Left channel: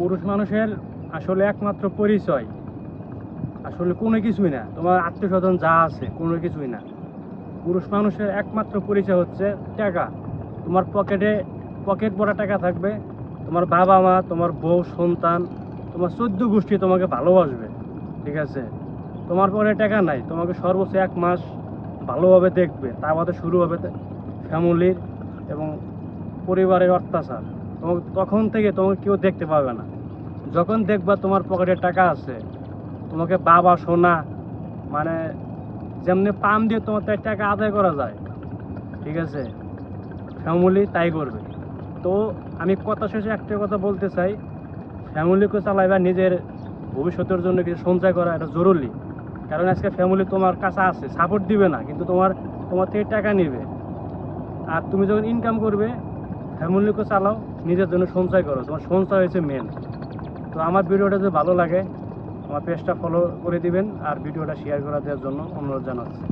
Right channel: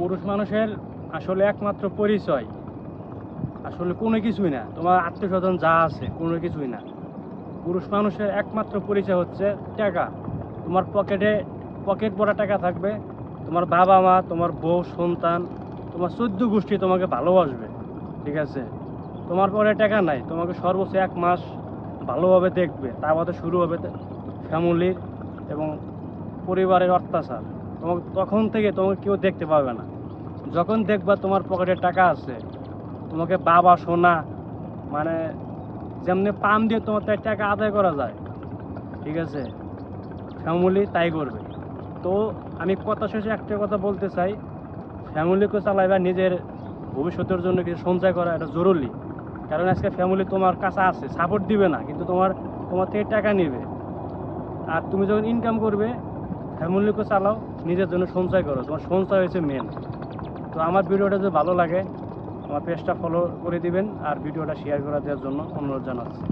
পুরুষ মানুষের আসলে একমাত্র পরিচয় আসলে কোনো কিছুই না, তোমার আত্মীয় স্বজন যা আছে কোনো কিছুই না। পুরুষ মানুষের একমাত্র পরিচয় হচ্ছে টাকা। তোমার পকেট ভরা টাকা থাকবে, তোমার বাবা মা, তোমার বউ, সন্তান, তোমার 14 গোষ্ঠী তোমাকে ভালোবাসবে, ঠিক আছে? তোমার পরে টাকা নাই, তোমাকে সর্বোচ্চ 1 মাস ভালোভাবে দেখবে, তার মধ্যে শুরু হবে ফ্যামিলির এবং পরিবারের অত্যাচার। তোমাকে তখন থেকে তোমাকে কেউ দেখতে পাবে না। যখন দেখবা তোমার পকেটে টাকা আছে, তোমাকে বাবা সোনা মানে যেমনি পাম দিয়ে তোমার তাই টাকা আদায় করা যায়, ঠিক আছে, ফ্যামিলি তাই করবে। তো আমি কথা শেষে একটা কথা বলতে চাই, ফ্যামিলিকে চালাইবা, নিজের ভবিষ্যতের জন্য কিছু সঞ্চয় করা এটা জরুরি। কারণ আজকে ফ্যামিলি তোমার কাছে আছে, সাপোর্ট দিবে না, কিন্তু তোমার থেকে টাকা নেবে। আর তুমি যখন ইনকাম করবে, ফ্যামিলিকে চালাও, নিজের জন্য সঞ্চয় করো, তোমার সঞ্চয় হয়েছে মেন। তো আমার ভিডিওটা যদি ভালো লাগে আমার পেজটা ফলো করে দিবেন আর ভিডিওটা শেয়ার করে দেওয়ার জন্য অনুরোধ জানাচ্ছি।